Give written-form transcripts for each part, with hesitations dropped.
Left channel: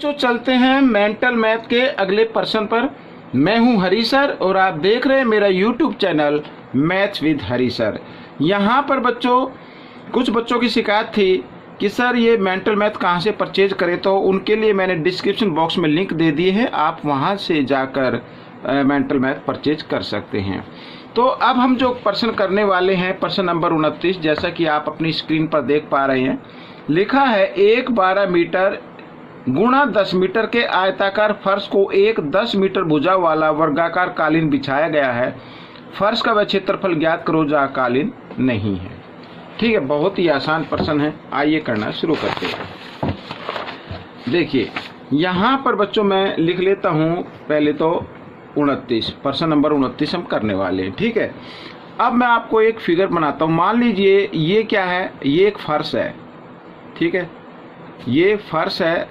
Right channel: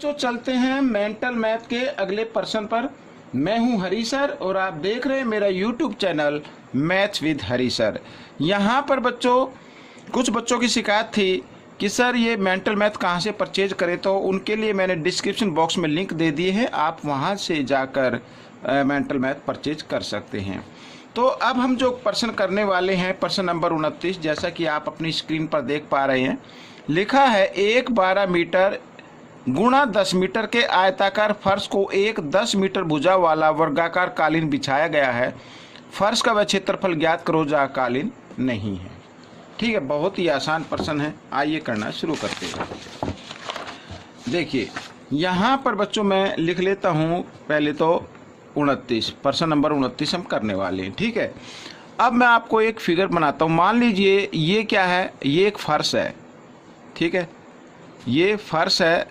तो चलते हैं मेंटल मैथ के अगले पर्सन पर। मैं हूं हरी सर और आप देख रहे हैं मेरा YouTube channel maths with Hari sir. यहाँ पर बच्चों, कुछ बच्चों की शिकायत थी कि सर ये मेंटल मैथ कहाँ से परचेज करें, तो उनके लिए मैंने डिस्क्रिप्शन बॉक्स में लिंक दे दिए हैं, आप वहाँ से जाकर मेंटल मैथ परचेज कर सकते हैं। तो अब हम जो पर्सन करने वाले हैं, पर्सन नंबर 29, जैसा कि आप अपनी स्क्रीन पर देख पा रहे हैं, लिखा है 1/12 मीटर गुणा 10 मीटर के आयताकार फर्श को एक 10 मीटर भुजा वाला वर्गाकार कालीन बिछाया गया है। फर्श का वह क्षेत्रफल ज्ञात करो जहाँ कालीन नहीं है। ठीक है, बहुत ही आसान प्रश्न है, आइए करना शुरू करते हैं। देखिए यहाँ पर बच्चों मैं लिख लेता हूँ पहले तो 29, पर्सन नंबर 29 हम करने वाले हैं। ठीक है, अब मैं आपको एक फिगर बनाता हूँ। मान लीजिए ये क्या है, ये एक फर्श है। ठीक है, ये फर्श है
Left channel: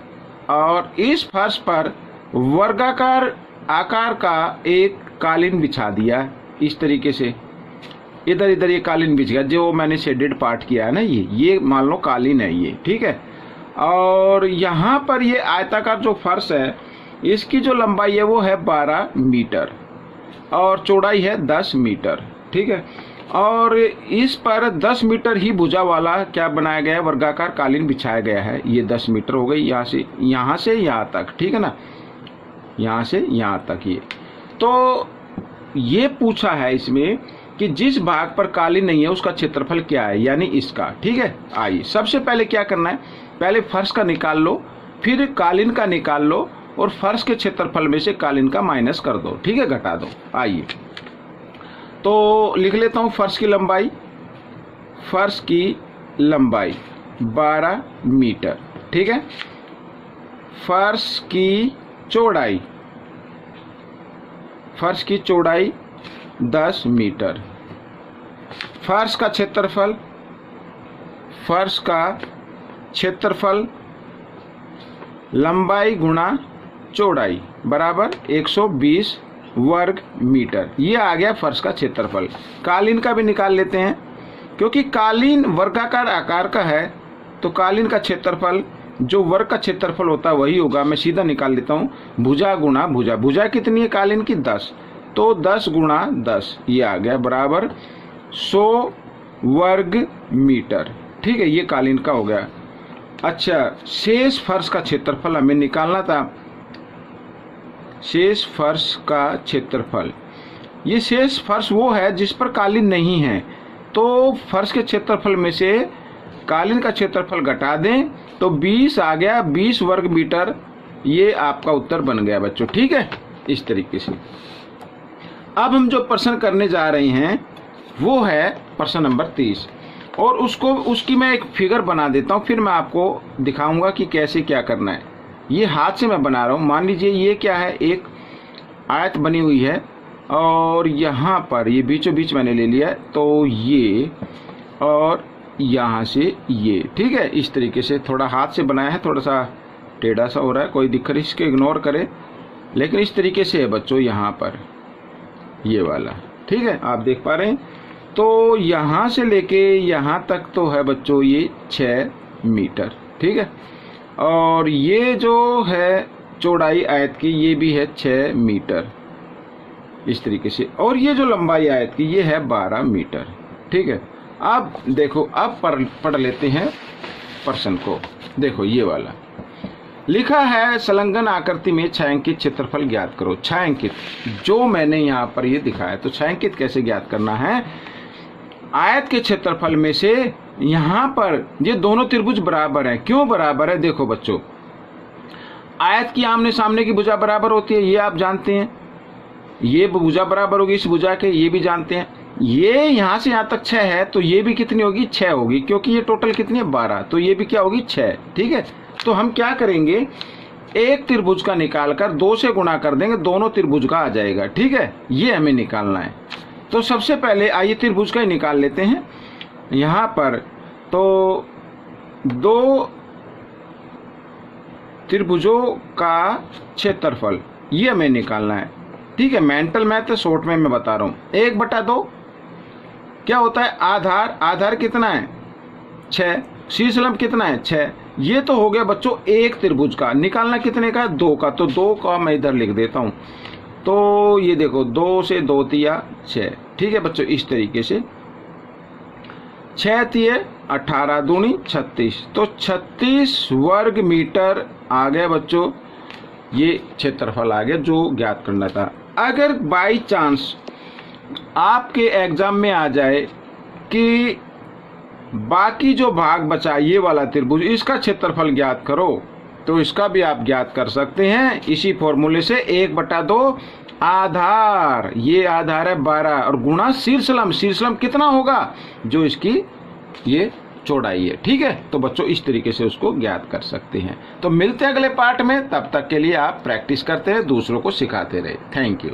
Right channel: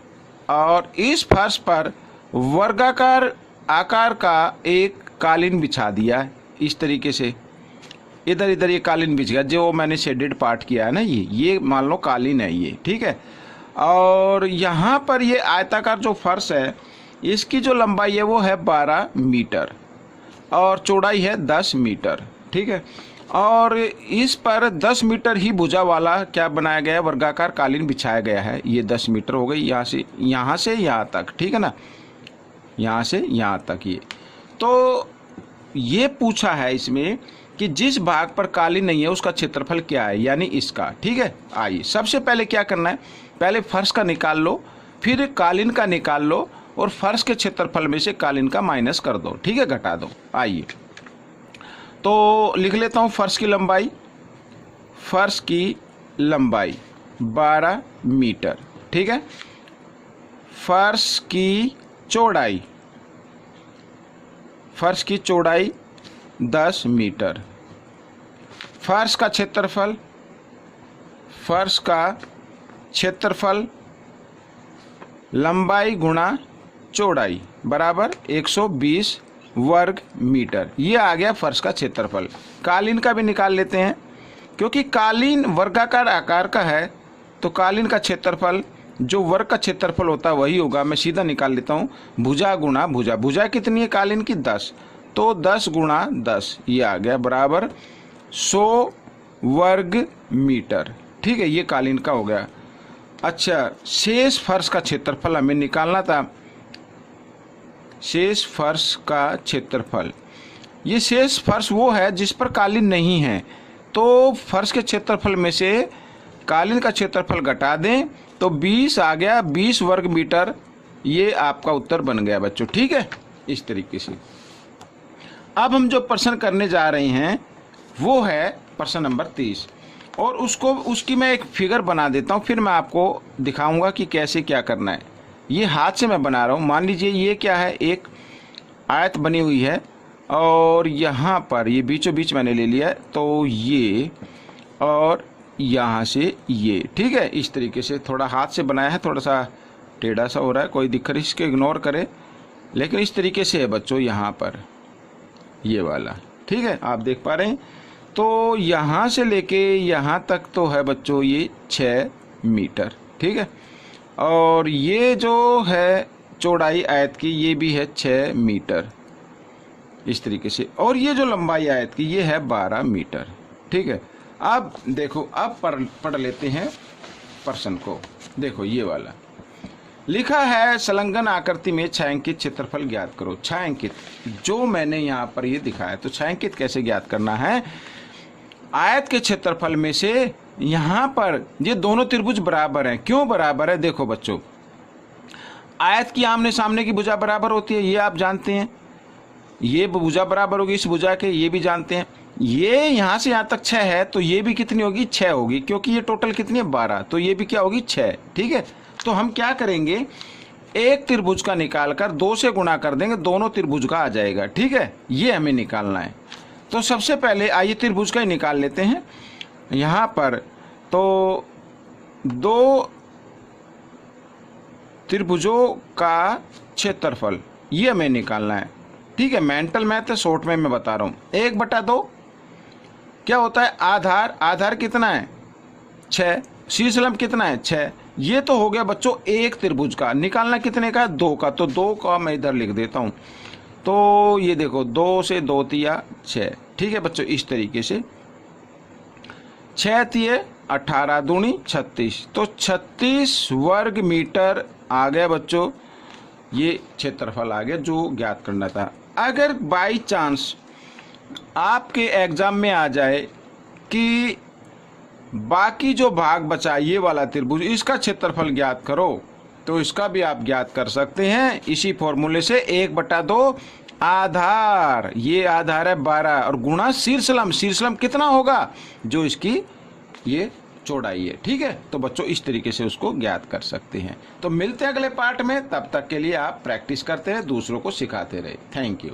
और इस फर्श पर वर्गाकार आकार का एक कालीन बिछा दिया इस तरीके से। इधर इधर ये कालीन बिछ गया, जो मैंने शेडेड पार्ट किया है ना, ये मान लो कालीन है ये। ठीक है, और यहाँ पर ये आयताकार जो फर्श है, इसकी जो लंबाई है वो है 12 मीटर और चौड़ाई है 10 मीटर। ठीक है, और इस पर 10 मीटर ही भुजा वाला क्या बनाया गया है, वर्गाकार कालीन बिछाया गया है। ये 10 मीटर हो गई, यहाँ से यहाँ तक। ठीक है ना, यहाँ से यहाँ तक। ये तो ये पूछा है इसमें कि जिस भाग पर कालीन नहीं है उसका क्षेत्रफल क्या है, यानी इसका। ठीक है, आइए सबसे पहले क्या करना है, पहले फर्श का निकाल लो, फिर कालीन का निकाल लो और फर्श के क्षेत्रफल में से कालीन का माइनस कर दो। ठीक है, घटा दो। आइए तो लिख लेता हूँ फर्श की लंबाई। फर्श की लंबाई 12 मीटर। ठीक है, फर्श की चौड़ाई, फर्श की चौड़ाई 10 मीटर। फर्श का क्षेत्रफल, फर्श का क्षेत्रफल लंबाई गुणा चौड़ाई बराबर 120 वर्ग मीटर। ये आ गया फर्श का क्षेत्रफल। कालीन का भी निकाल लेते हैं, क्योंकि कालीन वर्गाकार आकार का है तो कालीन का क्षेत्रफल जो वर्ग का क्षेत्रफल होता है वही होगा। मैं सीधा निकाल लेता हूँ, भुजा गुणा भुजा। भुजा कितनी है कालीन की, 10, तो 10 गुणा 10 ये आ गया बराबर 100 वर्ग मीटर। ठीक है, ये कालीन का हो गया। अच्छा, शेष फर्श का क्षेत्रफल हमें निकालना था। शेष फर्श का क्षेत्रफल, ये शेष फर्श वो है जिस पर कालीन नहीं है, तो फर्श के क्षेत्रफल में से कालीन का क्षेत्रफल घटा दें तो 20 आ गया, 20 वर्ग मीटर। ये आपका उत्तर बन गया बच्चों। ठीक है, इस तरीके से। अब हम जो प्रश्न करने जा रहे हैं वो है प्रश्न नंबर 30, और उसकी मैं एक फिगर बना देता हूँ, फिर मैं आपको दिखाऊंगा कि कैसे क्या करना है। ये हाथ से मैं बना रहा हूँ। मान लीजिए ये क्या है, एक आयत बनी हुई है और यहाँ पर ये बीचों बीच मैंने ले लिया, तो ये और यहाँ से ये। ठीक है, इस तरीके से थोड़ा हाथ से बनाया है, थोड़ा सा टेढ़ा सा हो रहा है, कोई दिक्कत इसके इग्नोर करे, लेकिन इस तरीके से है बच्चों यहाँ पर ये वाला। ठीक है, आप देख पा रहे हैं। तो यहाँ से लेके यहाँ तक तो है बच्चों ये 6 मीटर। ठीक है, और ये जो है चौड़ाई आयत की ये भी है 6 मीटर इस तरीके से, और ये जो लंबाई आयत की ये है 12 मीटर। ठीक है, अब देखो, अब पढ़ लेते हैं प्रश्न को। देखो ये वाला लिखा है, संलग्न आकृति में छायांकित क्षेत्रफल ज्ञात करो। छायांकित जो मैंने यहाँ पर ये दिखाया, तो छायांकित कैसे ज्ञात करना है, आयत के क्षेत्रफल में से यहाँ पर ये दोनों त्रिभुज बराबर हैं। क्यों बराबर है, देखो बच्चों, आयत की आमने सामने की भुजा बराबर होती है, ये आप जानते हैं। ये भुजा बराबर होगी इस भुजा के, ये भी जानते हैं। ये यहाँ से यहाँ तक 6 है, तो ये भी कितनी होगी, 6 होगी, क्योंकि ये टोटल कितनी है 12, तो ये भी क्या होगी 6। ठीक है, तो हम क्या करेंगे, एक त्रिभुज का निकालकर 2 से गुणा कर देंगे, दोनों त्रिभुज का आ जाएगा। ठीक है, ये हमें निकालना है। तो सबसे पहले आइए त्रिभुज का ही निकाल लेते हैं। यहाँ पर तो 2 त्रिभुजों का क्षेत्रफल ये हमें निकालना है। ठीक है, मेंटल मैथ शॉर्ट में मैं बता रहा हूँ। 1/2 क्या होता है, आधार। आधार कितना है, 6। शीर्ष लंब कितना है, 6। ये तो हो गया बच्चों एक त्रिभुज का। निकालना कितने का? 2 का। तो 2 का मैं इधर लिख देता हूँ। तो ये देखो 2 से 2 तिया 6। ठीक है बच्चों, इस तरीके से 6 तिये 18 दूनी 36। तो 36 वर्ग मीटर आ गया बच्चों, ये क्षेत्रफल आ गया जो ज्ञात करना था। अगर बाई चांस आपके एग्जाम में आ जाए कि बाकी जो भाग बचा ये वाला त्रिभुज, इसका क्षेत्रफल ज्ञात करो, तो इसका भी आप ज्ञात कर सकते हैं इसी फॉर्मूले से। 1/2 आधार, ये आधार है 12 और गुणा शीर्षलंब। शीर्षलंब कितना होगा? जो इसकी ये चौड़ाई है। ठीक है, तो बच्चों इस तरीके से उसको ज्ञात कर सकते हैं। तो मिलते हैं अगले पार्ट में, तब तक के लिए आप प्रैक्टिस करते रहे, दूसरों को सिखाते रहे। Thank you.